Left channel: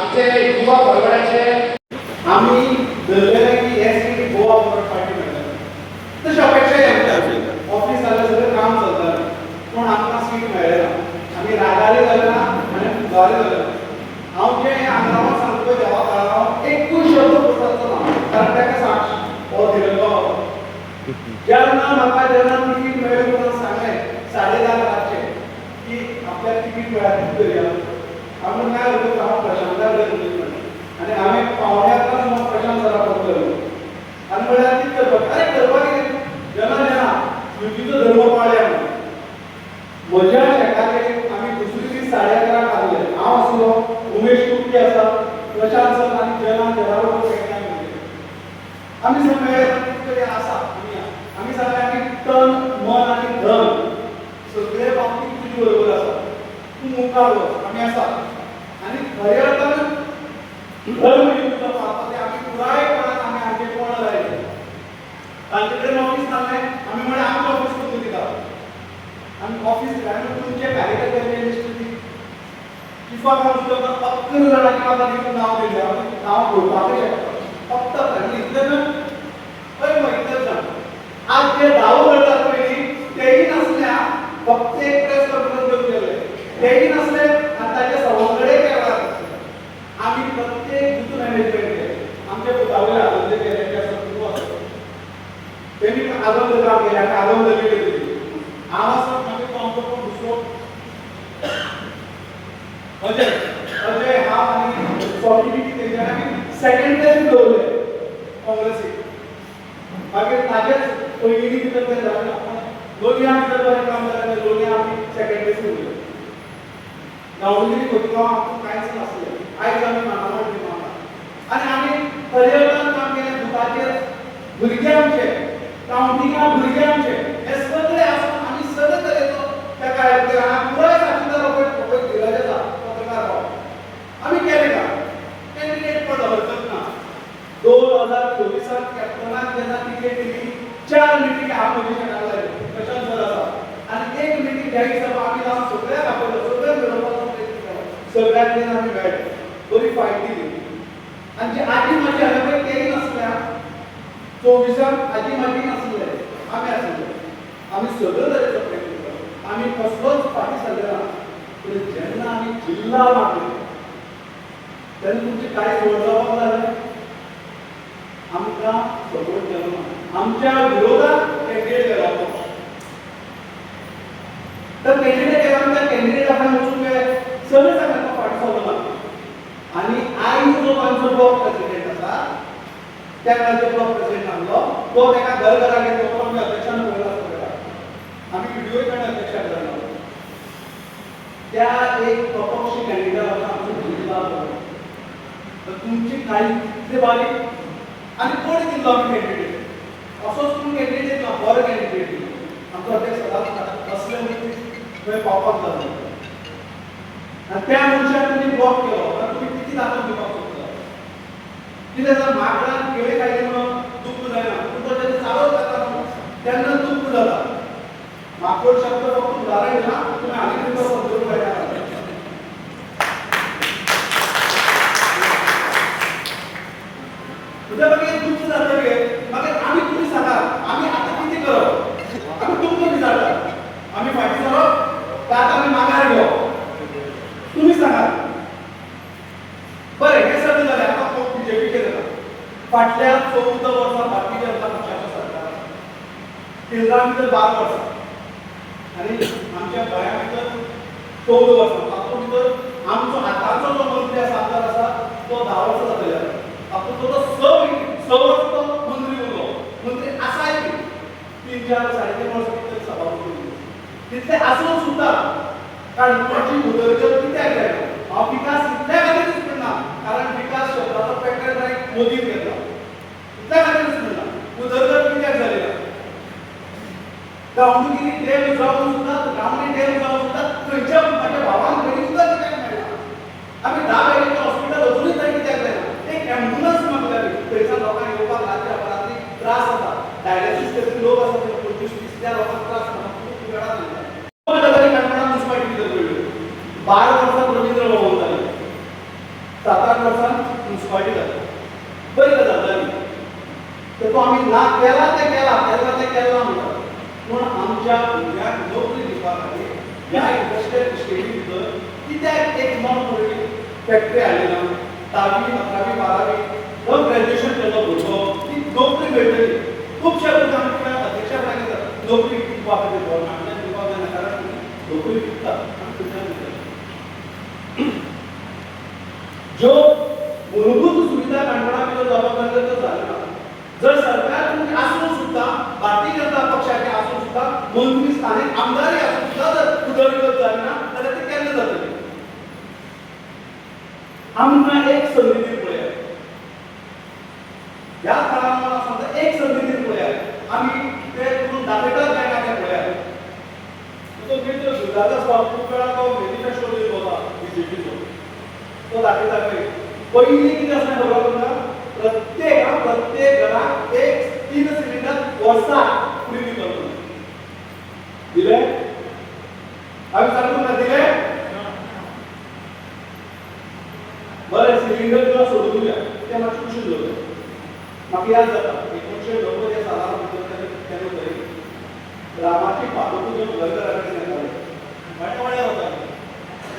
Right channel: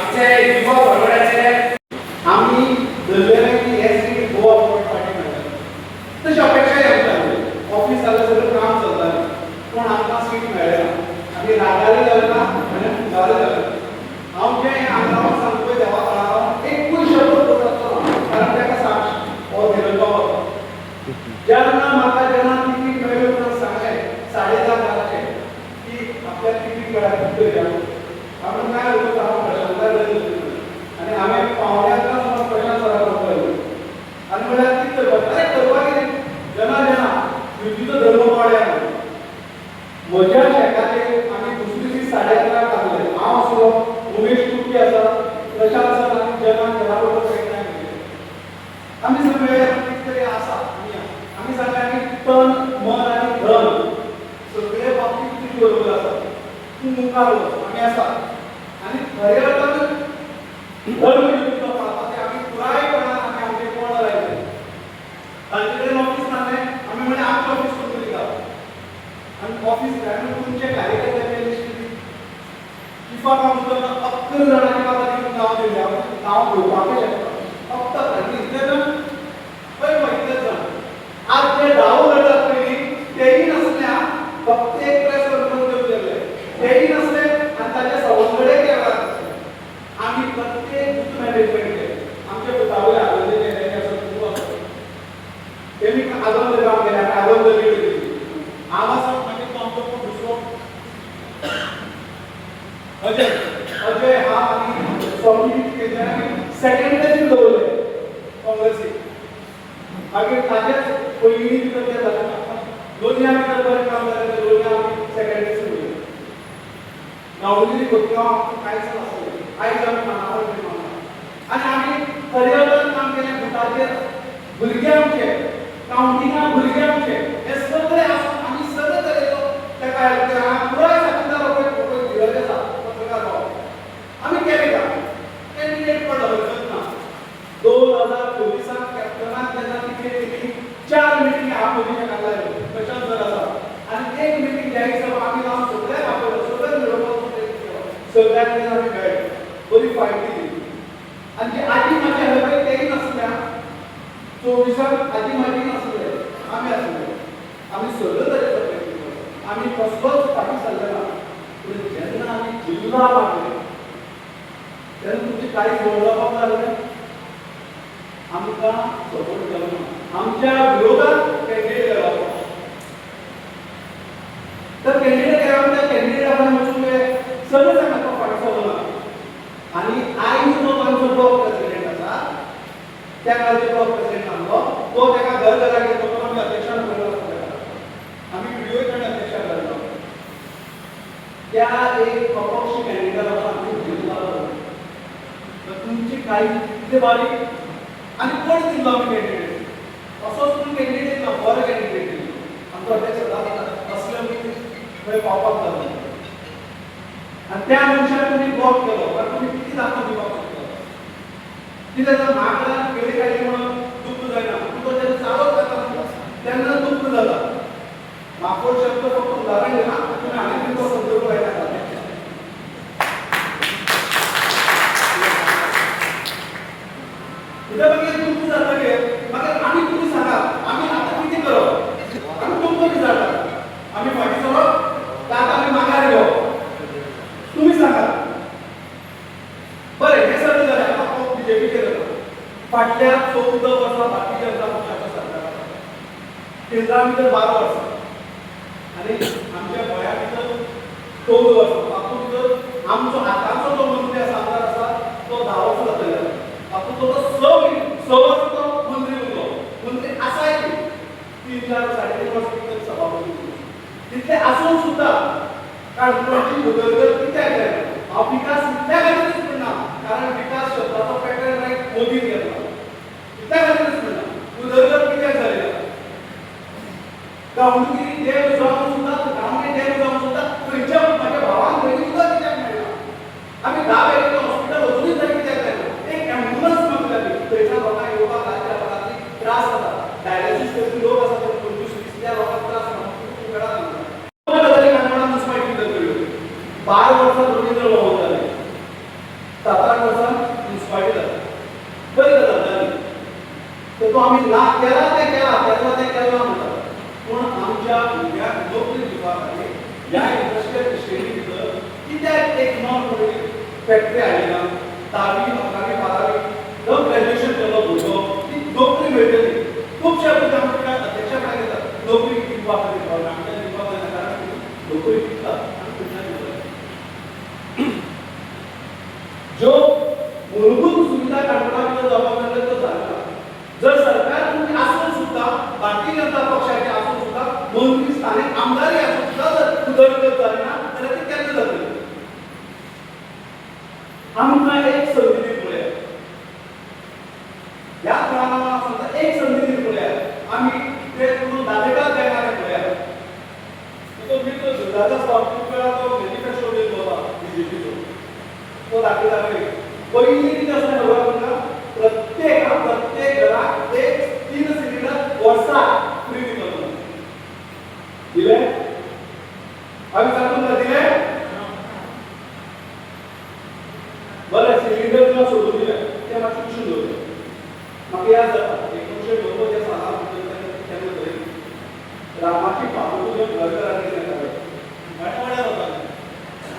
आमचे युवा बरोबराचे आम्ही धरलेले की एसटी गोवा फॉरवर्ड पार्टी मेळटा तशी अपेक्षाय आमची ऑफिस जालें सगळें काम चलतालें पूण आमकां सीट मेळ्ळें आमी रागाले जाले ना आनी फुगारे जाले हांव जें आंगरावाक सांगता पळय देवा काळार एकूय शब्द पडटालो ना कारण ताका साक्ष हो दिलो बाबा जेन्ना म्हाका जेन्ना तिकीट मेळ्ळी म्हणून सांगलें 10:30 रातचे की आपल्याक तिकीट मेळ्ळा खूब दर्या हांवें काय उलयता हांव प्रशांताक उलयता आनी हांवें पावण्याक समज प्रशांत सराक फोन केलो आनी म्हळ्यार कितें करपाक अरे करपाक कितें जेन्ना युतीचो धर्म पाळया म्हणून म्हज्या शेताचेर आमी दुसरे दीस 11:30 आसले हांव आसलो उमेश कुट्टी आसा प्रशांत सर आनी जना बरोबर आमी सगळे कितें तरी आसा आमी सांगलें आमी तन मन आनी धन सगळे बाबतींत तुजे बरोबर आसा तूं मुखार वच आमी आसा आनी खरें अर्थान धर्म युतीचो पाळटा ते आमी पुरायपणान आमी आमचे कोण लायले तांचे कडेन ऑफिस नासलें आमी म्हळें आमचें ऑफिस करून दिता आमी ऑफिस दिलें आनी तुमचे कार्यकर्त्यांचें लिस्ट दी इफाक हांव उदक 11 जाणांची म्हाका दिवून नांव दिलें हांव नांव पळोवपाकूय शकता फक्त आनी इतलें जाण पळय गो इतलें जाण आज जे दावो करतात पळय न्ही तेय नासल्या फक्त एक प्रेस कॉन्फरन्स घेवचेले तेय नासले आनी ताचे सवंगडे केला आमी प्रत्येक बूथ मॅनेजमेंट केलें आमच्या बुथावयले आदोंदे केले ते सुरू आसता तेणी आदोंद गांव गेले आनी आदोंद गेली हांव आसा मागीर तो आमचो कोण दुसरो अजय हांव आनी स्वामी तेंच्यानी आमी सेकंड प्लेसीर दवरले काँग्रेसीक मागीर ताचेच पयलीं भितर तें जालें ना लोलयां भितर बरें काम जालें लोलयां आमी सेकंड प्लेसीर उरले गांवगिरी खोतीगांव आमकां कांयच नासलें आयज आमी मानावळ मागता आनी आमी खरें काम केलें बुथाचेर भुरगे आमचे कावंटिंगां भुरगे आमचे हे सगळे आसून आमी सगळे तरेचो तेका पुराय साक्षीदार पळय धीरज आसा पत्रकार भाव आमी केलें का कॅन्डिडेट पडलो हरकत ना 2024 कॅप्टनाक जेन्ना तिकेट दिली 4 मिटींग हांव पोजिशनाक लायल्यो प्रशांत सर आसा आनी एक मिटींग जाहीर सभा आमी लावन सगळ्यांक आपयलो सगळ्यांक मेळोवपाचो प्रयत्न केलो सगळ्यां कडेन आमी मेळ्ळे बरी फायट दिली आनी जी आजी म्हाजी आसले पळय तेय नासल्या 24 आजी म्हाजी नासले आमी आसले आमी सगळे तरेचो प्रयत्न केलो आमी कसलोच फाटी सरले ना पूण जेन्ना आमी जिल्ला मारले तेन्ना तुमचे कांयच व्हड जावपाक लागलें आमकां सपोर्ट केलो ना आमच्या विरोधात कॅन्डिडेट गेलो तर कॅन्डिडेट केलो त्या कॅन्डिडेटाक वचून सगळे सांगता फाटी सरलो ना आनी आयज जो आमचो ब्लॉक प्रेसिडेंट आसा त्या खातीर ब्लॉक प्रेसिडेंट आसलो तो तेका घरा घेतलो तो आमी अध्यक्षान पळयलो आसलो आमी व्हिडिओय ताणें अध्यक्षा केलो त्या एक अपक्ष कॅन्डिडेट आसा आमचो जिल्ला तर तुमची काळी कितले बारीक आनी कोण दिल्लो आमी कॅन्डिडेट असोच तुमी कॅन्डिडेट दिलो बरो कॅन्डिडेट दिलो आमचो अध्यक्ष सदांच असले खंय पावपाक जालो आनी त्या मनशाक तुमी ब्लॉक केलो आनी तुमी कितें दाखोवन दिवपाक सोदता कितें जर म्हाका केळी खायली म्हणून दुख्ख जायना पूण तो तेन्ना चालत जाता तेन्ना दुख्ख जाता म्हाका शब्द फक्त उदाहरण दिलां तुमी आनी तुमचो संदर्भ पळयता उद्या मागीर दुख्ख जातकीर मागीर आमी तुमी सांगात आमी आतां कितें करप आमी तुमकां विचारतात आमी फाटीं सरप काय आतां आमी माघार घेवप तुमी सांगात बरें हें सगळें जालें आतां तो बीजेपीचेर येता फाटल्या 14 वर्सां भारतीय जनता पक्षाचो सरकार आसा केंद्रा भितर 12 वर्सां आनी आमच्या गोंया भितर 14 वर्सां तातूंत भितर आमचो हाताचो जो मंत्री आसा आमदार आसा तो 10 वर्सां जातले तातूंत तो 6 वर्सां तो मंत्री उरलो मंत्री आसाय 3-4 3.5 वर्सां भितर सभापती उरलो तितले आसून सुद्दां काणकोणची उदरगत कित्याक जायना हांव विकास इतल्या खातीरच म्हणना कारण विकास शब्दाचो पॅटर्न रायट मोदीन घेतला इतल्या खातीरच म्हणना उदरगत कित्याक जाली ना गांवडोंगरी डॅम जावन सुद्दां गांवडोंगरी डॅम जावन सुद्दां खंयच्या म्हाज्या भावान खंय सुद्दां कित्याक मेळना आमी 10 बेडीचें हॉस्पिटल अजुनूय थंय कित्याक जायना एक एम्ब्युलन्स मागल्या थंयसान लोकांक येवपाक राज्य अपराधी त्रास जाता डायलिसीस करपी लोक आसा ते 25-20 त्या लोकांक त्रास जाता खूब वेळा 12 वर्सां रवींद्र भवन जालें म्युनिसिपालिटी जाता बरी गजाल जाली तर तो आम्ही ना केला ते केला म्हणटा पूण आमच्या भुरग्यांक नोकरी दिवपा खातीर ह्या इंडस्ट्रियल इस्टेटी भितर कित्याक एक नॉन पॉलिटिकल फॅक्टरी हाडली ना 10वी 11वी 12वी जो ग्रॅज्युएशन केलो भुरगो ती नोकरी मेळटली खूबशे भुरगे आमच्या अध्यक्षा कडेन येतात नोकरी दिवपा खातीर गव्हर्नमेंटान दिवपाक जायना कारण तुमी नोकरी दितात आनी तुमच्यान दितात ज्यो मूलभूत सुविधा काणकोणाक ज्यो जावपाक जाय त्यो जायना जर सरकार तुमची आसून सुद्धा भारतीय जनता पक्षाचे आसून सुद्धा मंत्री स्थानिक आमदारी आसून सुद्धा जर उदरगत जायना जाल्यार ती केन्ना जातली आमकां एक संधी दिवन पळया ह्या काळान हांव सांगता एक संधी दिवन पळया आमी ते करून दाखयतात काय ना तें पळया तो मित्र दुर्गादास बाबूकळा तो मॅनिफेस्टो बीन बोला बीजेपीचो तो दाखयता पयलीं कितें आसलें खबर तुमकां प्रत्येक घराक एक 3 सिलिंडर वर्साक फ्री दितलो दिले आम्ही सांगतो ना दिले बरे सिलिंडर तुला सोडून दिले ते मातशें कुशीन दवरले म्हाका याद जाता 1990 सालांत केन्ना तरी रामाची पादुका घेवन गोंयकारा कडेन येताले वाड्यार वताले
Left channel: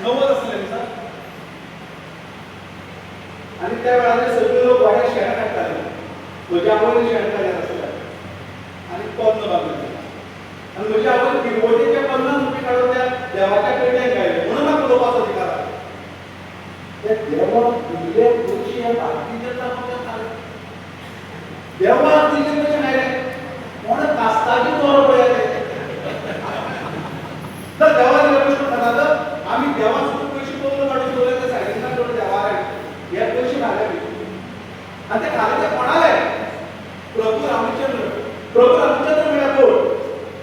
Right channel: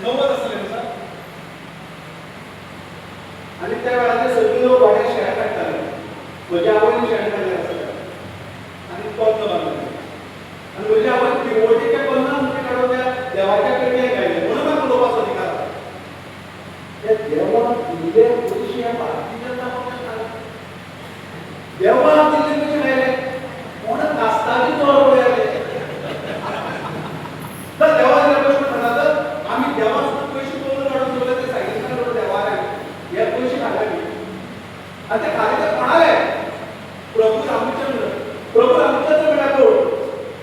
90 आसले न्ही सर आणि त्या वेळार सगळे लोक वाड्यार शेणां काडटाले म्हज्या आवयन शेण काडलें आसलें आनी पद्म बांदलें आनी म्हज्या आवयन किरवटेचे 50 रुपये काडून त्या देवाच्या पेटयेक घायले म्हणून म्हाका उलोवपाचो अधिकार आसा त्या देवाक दिल्ले पयशे ह्या भारतीय जनता पक्षान खाले देवाक दिल्ले पयशे खायले कोण कास्ताची चोर पळया ते तर देवा दिले पयशे खाता तर आमी देवा सुद्दां पयशे चोरून काडून दवरले ते सायडीन दवरले देवाक हे पयशे खाले आणि ते खाले ते कोणाले प्रभू रामचंद्र मेळ्ळा कोण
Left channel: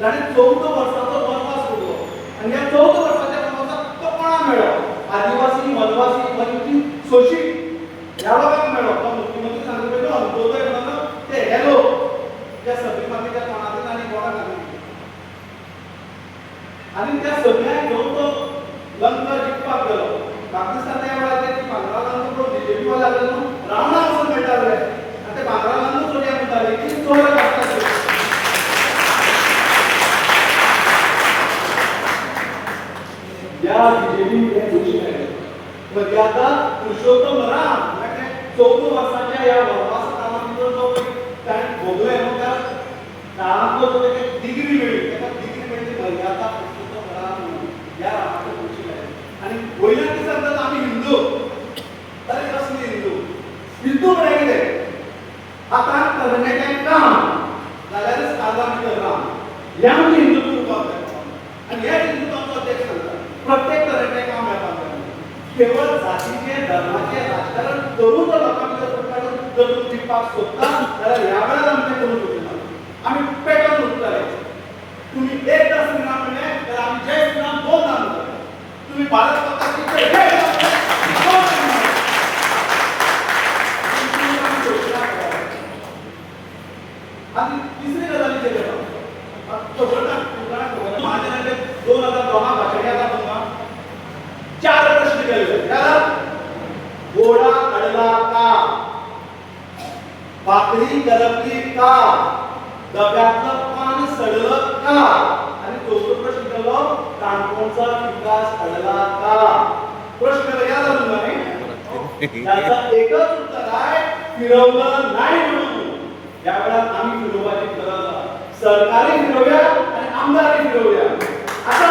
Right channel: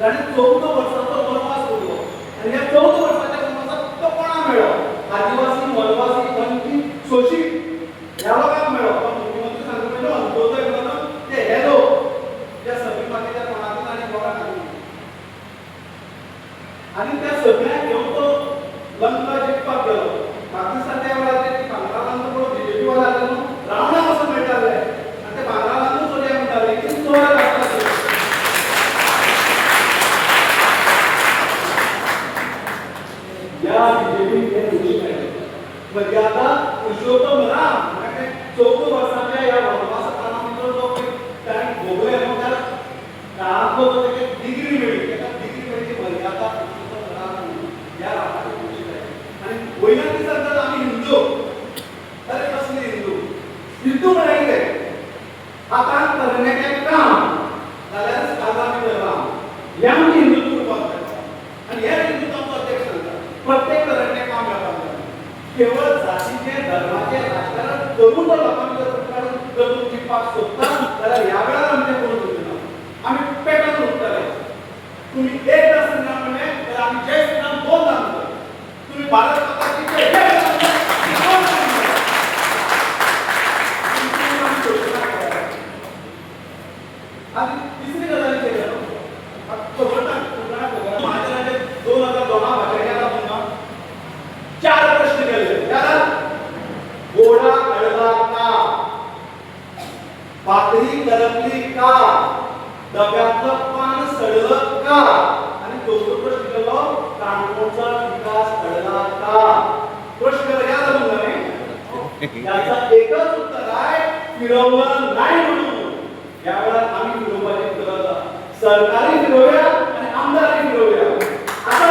ताणें 14 वर्साचो वनवास भोगलो आनी ह्या 14 वर्साच्या वनवासाक तो कोणाक मेळ्ळो आदिवासी वनवासी वंचित शोषित ह्या लोकांक मेळ्ळो तो मुख्यमंत्री सांगता पळय तो अंत्योदय म्हणून ते हे लोक त्या सगळी मातीच्या कोणाक आनी कोणाक आनी त्या सगळ्यांक घेवन तो लंका जिखपाक गेलो पाकिस्तान त्या वेळार ते बांगरालांना पळोवन बीजेपी वाले आले न्हू रावणा वचून मेळटाले आनी ते बांगरालांना चोरया म्हणटाले की चोराक आसताले या बीजेपीक हे पयशे मेळ्ळे म्हणजे आतां पुरुषोत्तम राम म्हणजे 14 वर्साच्या ह्या वनवासा काळा भितर जो ताणें भोगले न्हू त्या काळांतलो जो तेका डिग्री मेळ्ळी तेका डिग्री मेळची मर्यादा पुरुषोत्तम राम म्हणून ह्या रामाचे पयशे मेळ्ळे आनी वयल्यान कितें सांगतात आमी हिंदू अरे कसले हिंदू म्हळ्यार कितें आतां तरणाट्यांक काम जाल्यारच आगामी करना ह्या आमची हिंदुत्व उरपाक जाय आनी ह्या हिंदुत्वाचो अध्यक्ष सांगता प्रत्येक तरणाट्याक काम मेळपाक जाय केवळ जातीचे धर्माचे राजकारण करून जर लोकां भितर काडून जर तूं जिखपाक सोदता जाल्यार ह्या वेळार आमी तें करूंक सोदना आमी पेटोवन उरतले तुमी एकदां श्रीराम म्हणलें जाल्यार आमी जय श्रीराम 2 दान करतले तुम्ही भारत माता की जय आणि तिसरी गजाली केली माझ्या राज्यात 2002 भाषण याद तुमकां 4 प्रश्न केले याद घोडा अडला का भाकरी करपली का डब्यातलं पान सडलं का आणि चौथा प्रश्न केलो काणकोणचा विकास अडला का प्रश्न याद आलो नाही याचा एकच उत्तर आहे फिरवलं नाही म्हणून या वेळात आम्ही फिरवण्याची गरज आहे सरकारी फिरवूया आणि आमदारी फिरवूया आता